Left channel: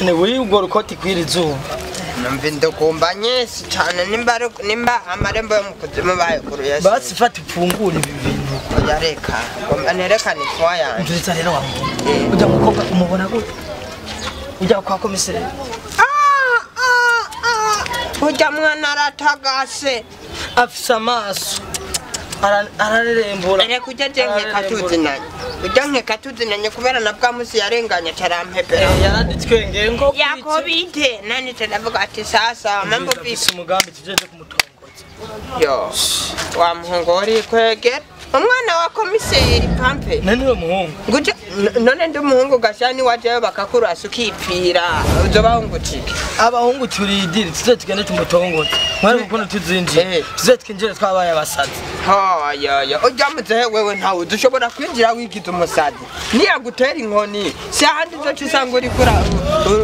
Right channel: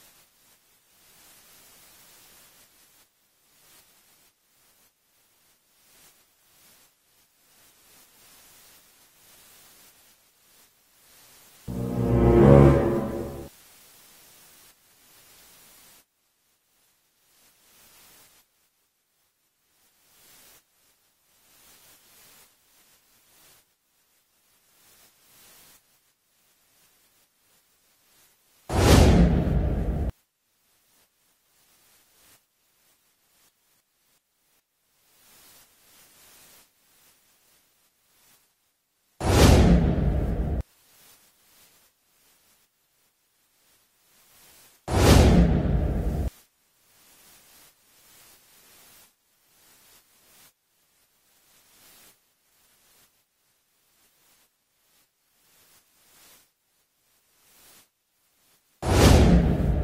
Ne wiwe ubwo rukoti kwirizuba. Numva ndagomba nyesi cyane nimba amarembo yo mukuzimu bayikuruye. Basi fata ifungura ibi bintu. Yareka. Ngomba nerekane ifwa yanjye. Nduriza rero wa muntu. Ujya mukobwa umubona gute? Ujya kwa komiseri. Ujya mwana aratagase. Afise amaso. Ararerembura. Ere kujya jenke katuzinanye. Ujya nke katuzinanye kubera na bwa musi yarenganya carampepera. Yaranditswe ngengo. Yakobite nani tndavuga ati sasa mambo vipi umugambi tujeje kumutongoza. Yo. Wa muhongori kwegera. Umwana wa komiseri pampe. Nani we muhungu? Nguje none ndi umuhungu gashani waje bakakurasa ukipfira. Uzobahungukike. Abahungu turidiri tuze tugende tumutongoza. Mwari ukuntu tuzinjiye. Tuze twinjire twabaye abasazi. Ha ya. Ujyamuze wewe ntawe dushobora kwinjira wigize umusazi. Niyagutera inkoni. Si ahandi zo cisanga uri kura.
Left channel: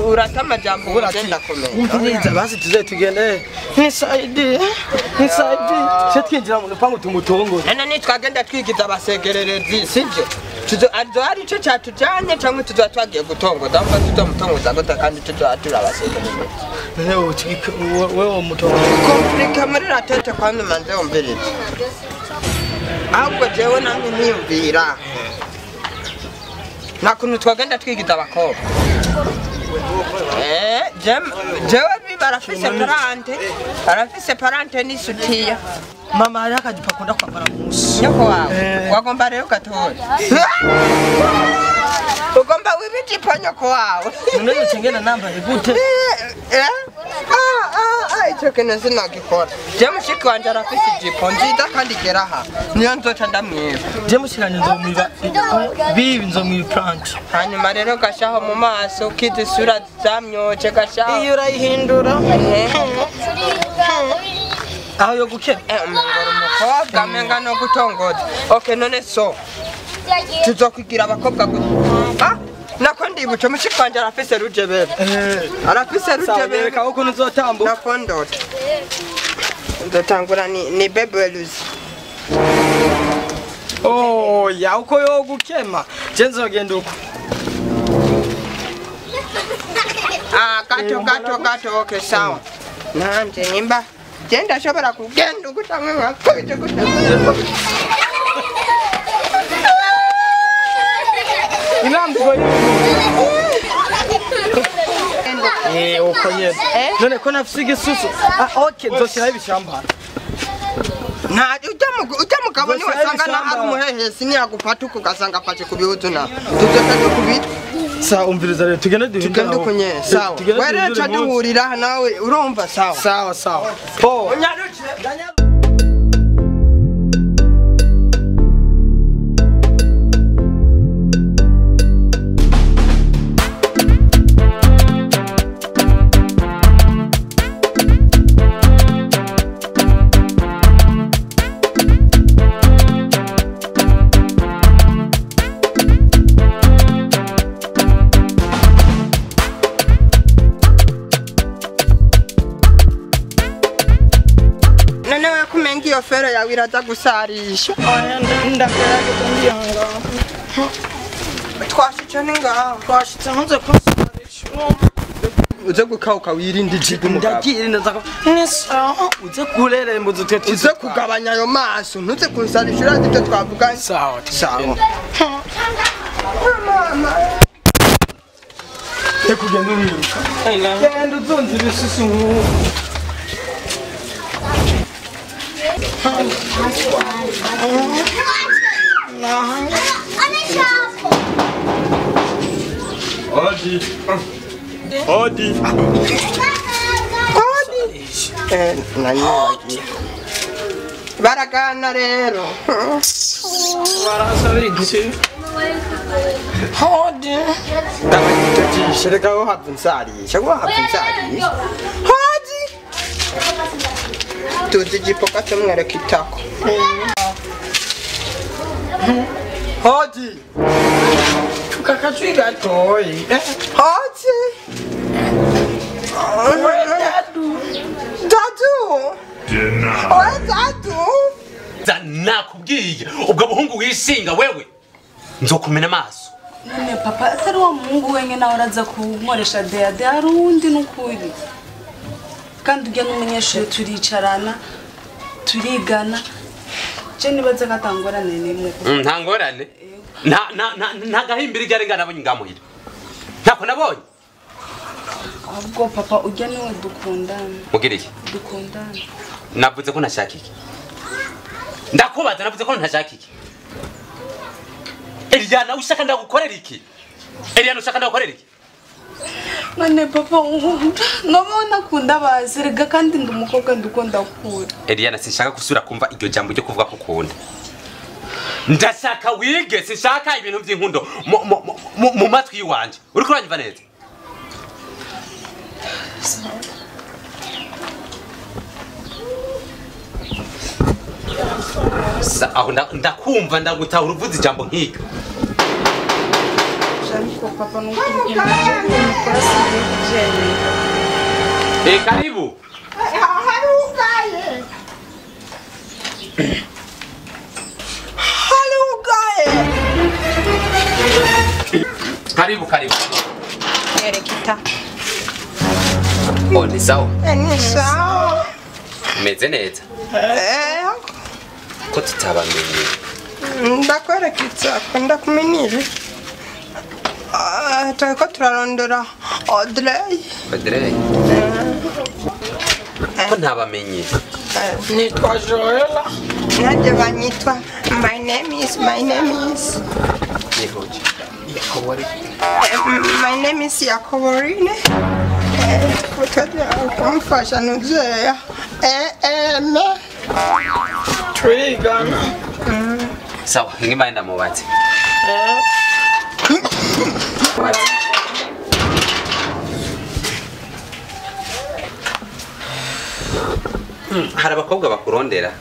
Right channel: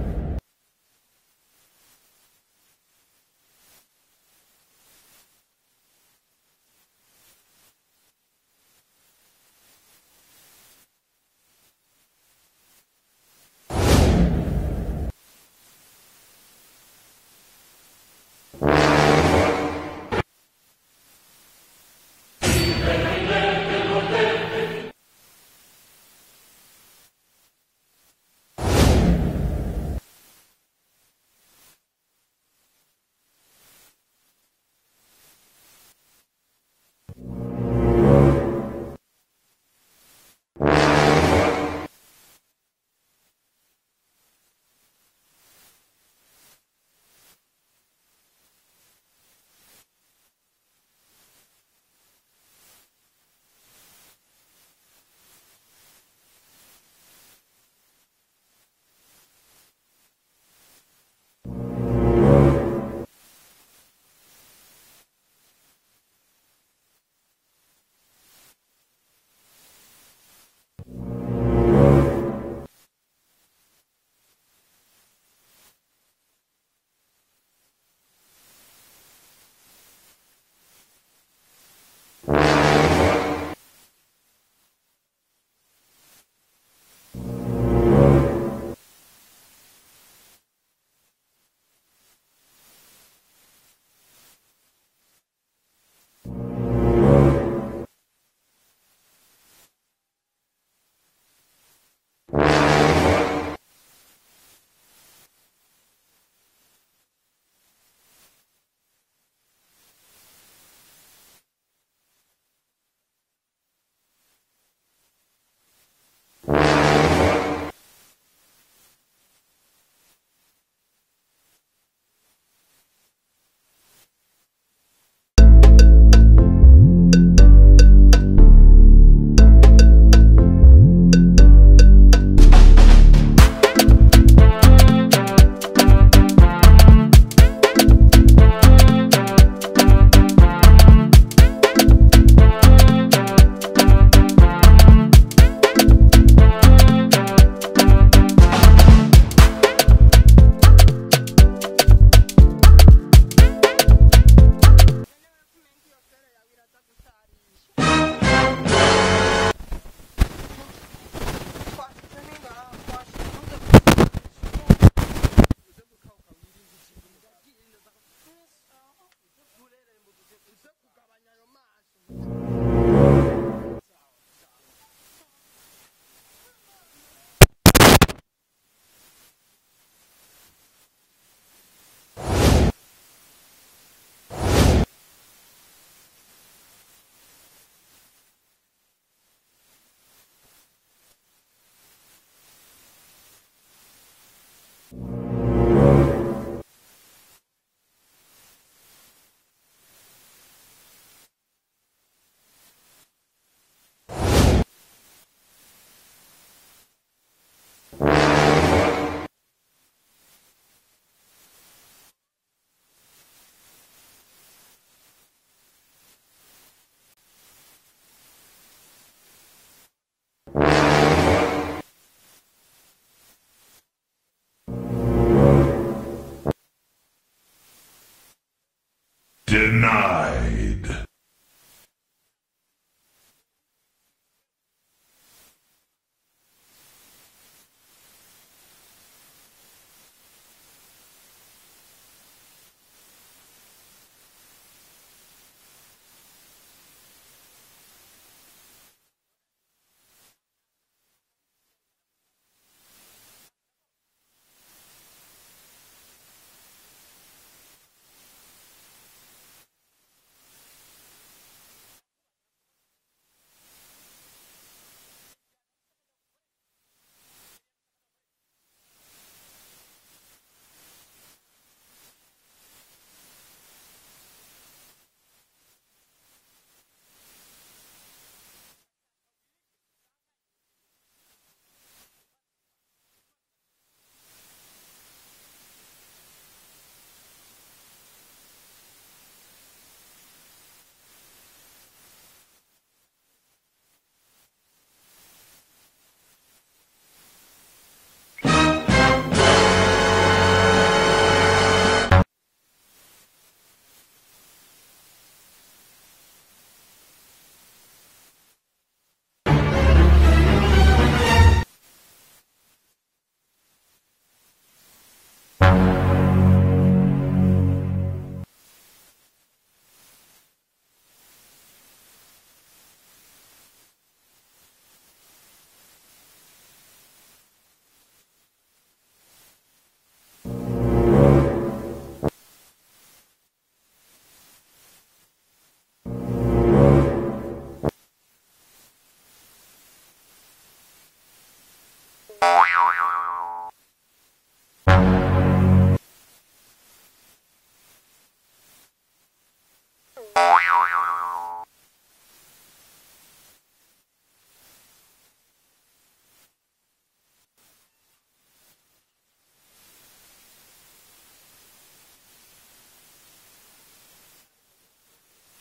Uratama jambo uragenda komera. Umviriza basi tuze tugende. Nisaidi. Tuze twinjira mu rupangu tumutongoza. None nitwagenda twigiza abasegererezi sivyo? Tuzo ari cyo cyatujanye cyangwa tuzo twagiye gutongoza aho tuzomutongoza gute kandi tuzo atura abasegererezi. Wewe mutongoza. Komplika muri ratete kwandi manze umbereze. Ahubwo jewe nangu niyumvira. Nakuntu twagenda twigiza abakobwa. Jewe barafise parante n'isutiya. Mama hari akajipa kunda kwambara mu musi. Nyoko wawe wagomba rero gatora. Ugomba wibijipo nyoko wawe. None chengena namba igute. Icyo kintu sinagikora. Je mushiki wanje arafise ijipo nziza kandi geraha. Niyo nzoca ndamwiba. Je mushikanye nzomuba bibi nzomuba prank. Hanyuma rero gashaho mu maso kizi sura zamyoje gashaho. Iyo urayihindura. Aho yo gukena. Umukobwa menga no gutongoza. Okay none so. Tuzokwigira abakobwa gute? Nako ndibuce mushiki wanje arafise rujebere. Arafise rujebere ka uko nzotambuka. Nako ndota. Ndotangura ni bebeluzi. Oh ya uko yo gukema. Je nzogenda uko. Gato okay sawa. Nanje nimba genda shobora kugenda ukutamwe ngakuje kutamwe. Inambo uko yeze. None ko nafise igisusu. Okay nzoshyira ibishamba. Na ujya mugabo ni wasanga na ari umuhehesi ni yagufata ugasanga afashe kubihuzu na. Tugenda kubita. Sawa umviriza rero tugende kunye sawa. Were cha duhurira nawe urumva sawa. Sawa. Unyaruke. Fero ya wiraza gusarisha. Twashitse ninga. Twashitse ntuze kusarisha. Uze gukauka wirinde ijigo mugabo. Ndagirinda zako. Nesa uze kureremba uze kugabanya ayo maso ntuze kunsarisha urazi ibyo twavuga. Sawa. Mama. Tekugenda wiruka. Genda uzonze ibisusu. Odi. Nani baragana rero. Barasabiriki. Odi. Shirika wo hapunsarisha. Odi. Tuzijipoka tumwere kitako. Odi. Tukakatwiga toyi. Odi. Dadu. Dadu. Nakubwiye ubwo buhungu wishinga wewe nzokumena amaso. None papa atari wa muhungu wenye nawe araza kunkoresha deade hari uwundi n'ukuri kandi ujya n'umunyeshuri turicarana turigana je nibaze ko atangorane nimwe nta ngorane nta gahimbira igare nabonye ngamuhira ntako nabonye ahubwo papa ujya niwe dukundana mugiriye dukundana navuze ko ntashaka iki ndakubaza navuze ko ntashaka iki Eliana ushaka ndagukorera iki Eliana ushaka ndagukorera iki none papa nabona kunda bazirega kandi ndumukobwa ndukunda kure Eliana sinshaka gusura kumva iryo jambo ryo kuvuga ko ukunda ndashaka wige sinshaka ibintu by'inkundo mu matwi yiwanje uri kuranyumva neza aho ndakumva ndagutahura uvuze ijambo nk'iryo papa karibu karibu Erekita. Oh, ni sawa. Ni sawa. Meze neza. Ko tutabamenye. Ndakwerekitsa ndakumenyere. Turiko turarondera Audrey. Audrey. Ko ntabamenye. Nitwa Joella. Nanjye banyitwa my name is. Nihoje. My name is Yakoborine. Kumfasha nuzeya. Twigana. Sawa, ngimba enda mubatse. Hari abakobwa bakurondera.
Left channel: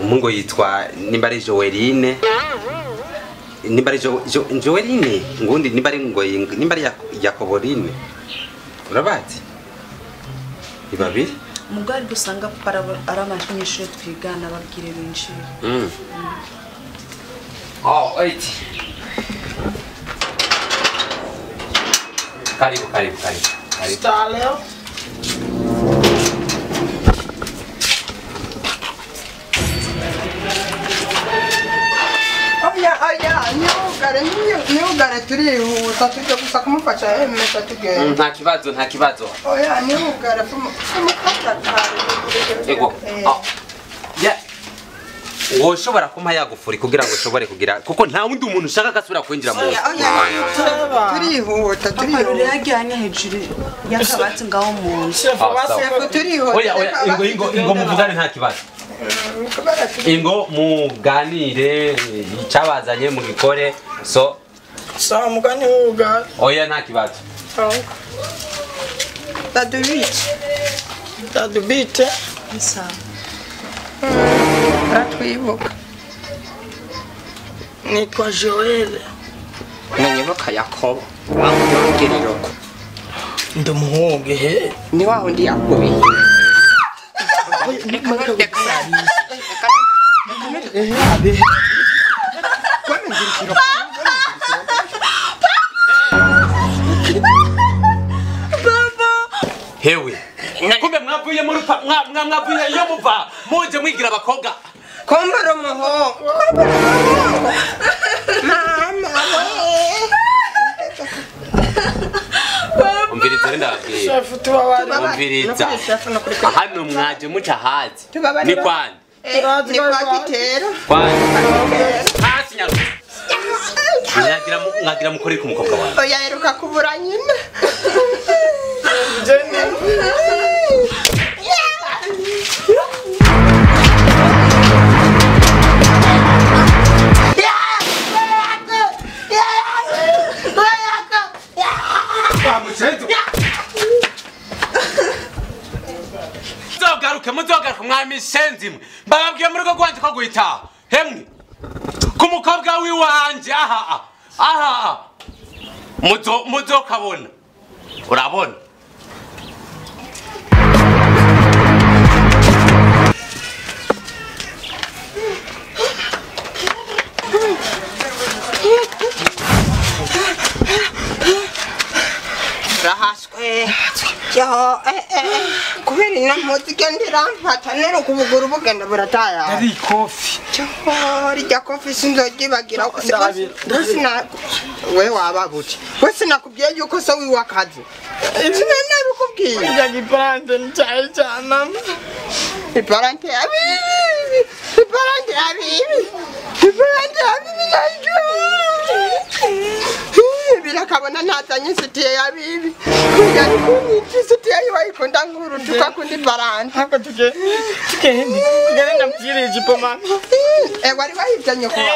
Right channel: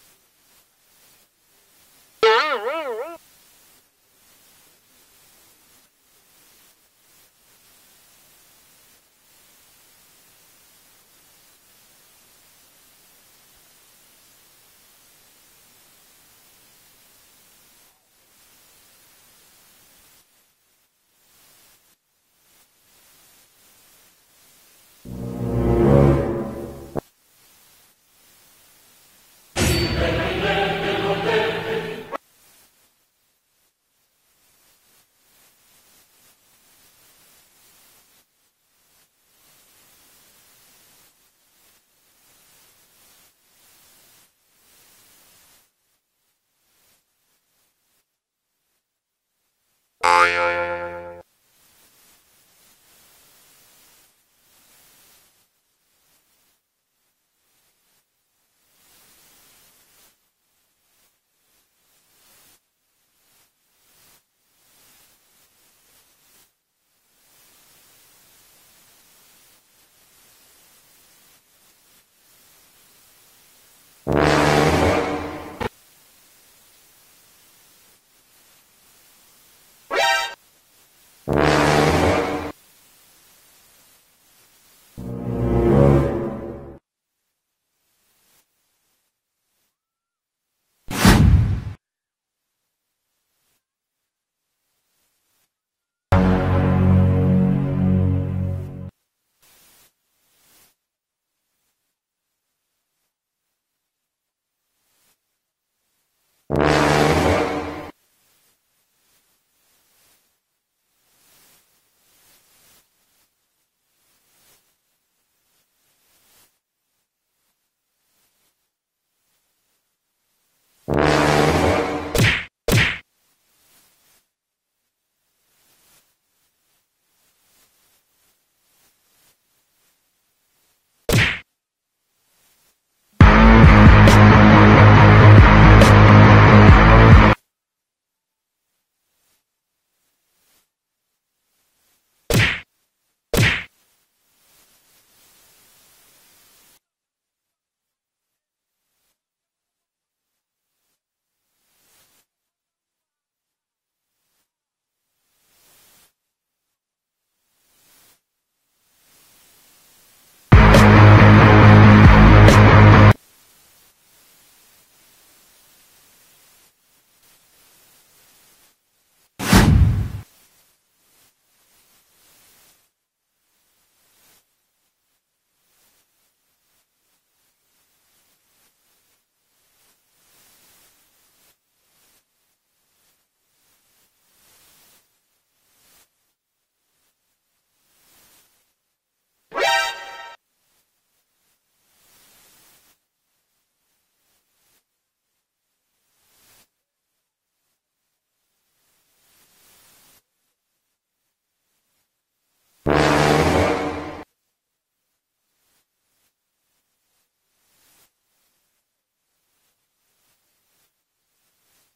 Umungo yitwa nimba ari Joeline. Nimba ari Joeline, ngundi nimba ari ngoyi, nimba ari Yakoborine. Urabazi? Ibabiri? Mugari dusanga para aramashanyisho twigana babwire benshi. Oh, wait. Karibu. Staleo. Niugare turihuta tujya gusa kumufasha yemeza tugenda. Nta kibazo. Oya niugare kumufasha kare. Ego. Ya. Woshobora kumpa yagufuri kugira ngo ushobore kugira kuko nta wundi umuntu ushaka gasubira kwinjira mu. Turihuta. Papa yajyanye hejuru yakabati ngaho mu nzu. Oya ingo muvugane nta kibazo. Ingo muganire icabazanye mu gikore so Sawa mugani uga. oya nta kibazo. Tadubite. Sawa. Ratwibuka. Nitwa Joelle. Nibuka Yakobo. Ndumuhungu he. Ni wa wundi Aguye. Hewe. Kumbe mwavuye muri mwavuye yo muva muje mwigira abakobwa. Kombara umuhungu. Mama Umviriza ndababwiye. Chef tubabari. Umviriza. Hano mwaje muca hazi. Ni kwani? ni kwa Kitero. Kwani? Hasi nyaruka. Mwagira mukorera ku mukobwa wawe. Oya heruka kubura nyina. Muzogaruka mwami senzimwe bababwiye muri ko gwanje ko guhita hemwe ku mukobwa wiwanje aha muzo kabona urabona urahaswe yo kubera inamutse igendera mpatanero kubuguru bugenda burataya ari kofi rya kofi sinzogibagira we wabagute we sinakubwiye yuko so wiwakazi sinanabikubwiye njya iparante ncyaye cyane iparante abibi iparante abibi iparante abibi birakabona ntazanye isutiye yabibi isutiye yiwayikunda nkuru tukakunda iparante hako tugende nambyirije ipo mama wari wayijanye kuwa